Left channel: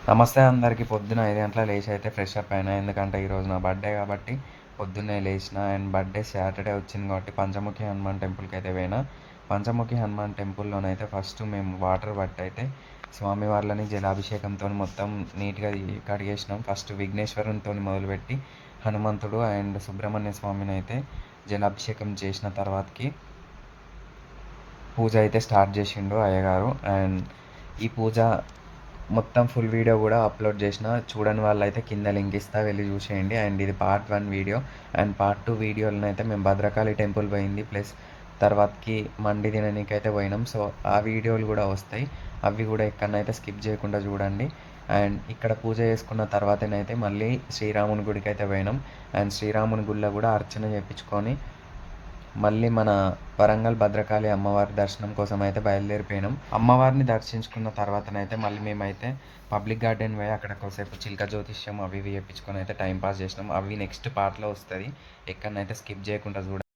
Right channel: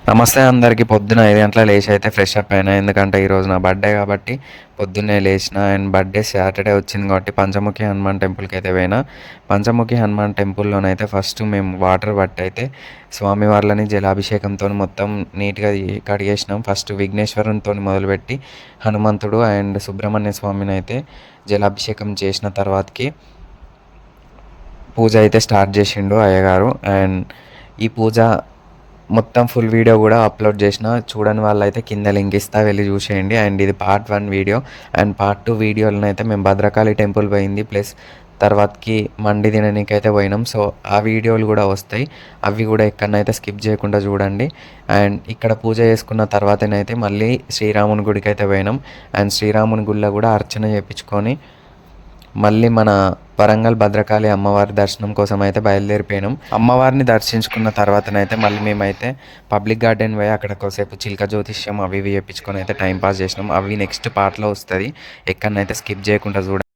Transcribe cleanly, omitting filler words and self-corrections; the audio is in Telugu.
నమస్తే అందరికీ. పొద్దున 5 గంటలకు లేచి అయితే ఫ్రెష్ అప్ అయినా. ఎందుకంటే ఈరోజు నా బర్త్‌డే కాబట్టి పొద్దున్నే లేచిన. అండ్ బర్త్‌డే సాటర్‌డే వచ్చింది కాబట్టి పంచముఖి హనుమాన్ టెంపుల్‌కి అయితే పోయినా. పంచముఖి హనుమాన్ టెంపుల్‌లోనైతే ఫస్ట్ మేము వాటర్ పట్టి అయితే స్వామివార్లని జలాభిషేకంతోని మొత్తం నీట్‌గా కడిగేసినాం. ఫస్ట్ విఘ్నేశ్వరునితోని మొదలుపెట్టి హనుమంతుడు అండ్ సుబ్రహ్మణ్య స్వామిని అయితే జలాభిషేకం చేసిన తర్వాతకి పూజ అయితే స్టార్ట్ చేసిండు అయ్యగారు. అండ్ ఈ పూజ మొత్తం ఫుల్ వీడియో కూడా అప్లోడ్ చేసిన. చూడని వాళ్ళైతే కింద లింక్ ఇస్తా, వెళ్ళి చూసేయండి. అండ్ ఇది పార్ట్ 1 వీడియో. అండ్ పార్ట్ 2 వీడియోలనైతే మేము భద్రకాళి టెంపుల్ పోయింది ప్లస్ తర్వాతకి మండి తిననీకైతే పోయినాం. సో ఆ వీడియోలు కూడా వస్తాయి. అవి కూడా ఎక్కడనైతే స్కిప్ చేయకుండా చూడండి. అండ్ ఇక్కడ పూజ చేసుకున్న తర్వాతనైతే మళ్ళీ శ్రీరాముని గుడికి అయితే పోయినాం. అండ్ శ్రీరాముని గుడిలో కూడా అర్చన చేయించుకొని మళ్ళీ మన వరంగల్ భద్రకాళి అమ్మవారి దర్శనం కోసం అయితే బయలుదేరిపోయినాం. అమ్మవారిని దర్శించుకున్న తర్వాతనైతే మళ్ళీ మేమైతే పబ్లిక్ గార్డెన్ పోయి అక్కడ కొద్దిసేపు చిలక జ్యోతిష్యం అవి ఇవి చేయించుకొని అయితే టైం పాస్ చేసినాం. అవి నెక్స్ట్ పార్ట్లో వస్తుంది. ఎక్కడనైతే స్కిప్ చేయకుండా చూడండి.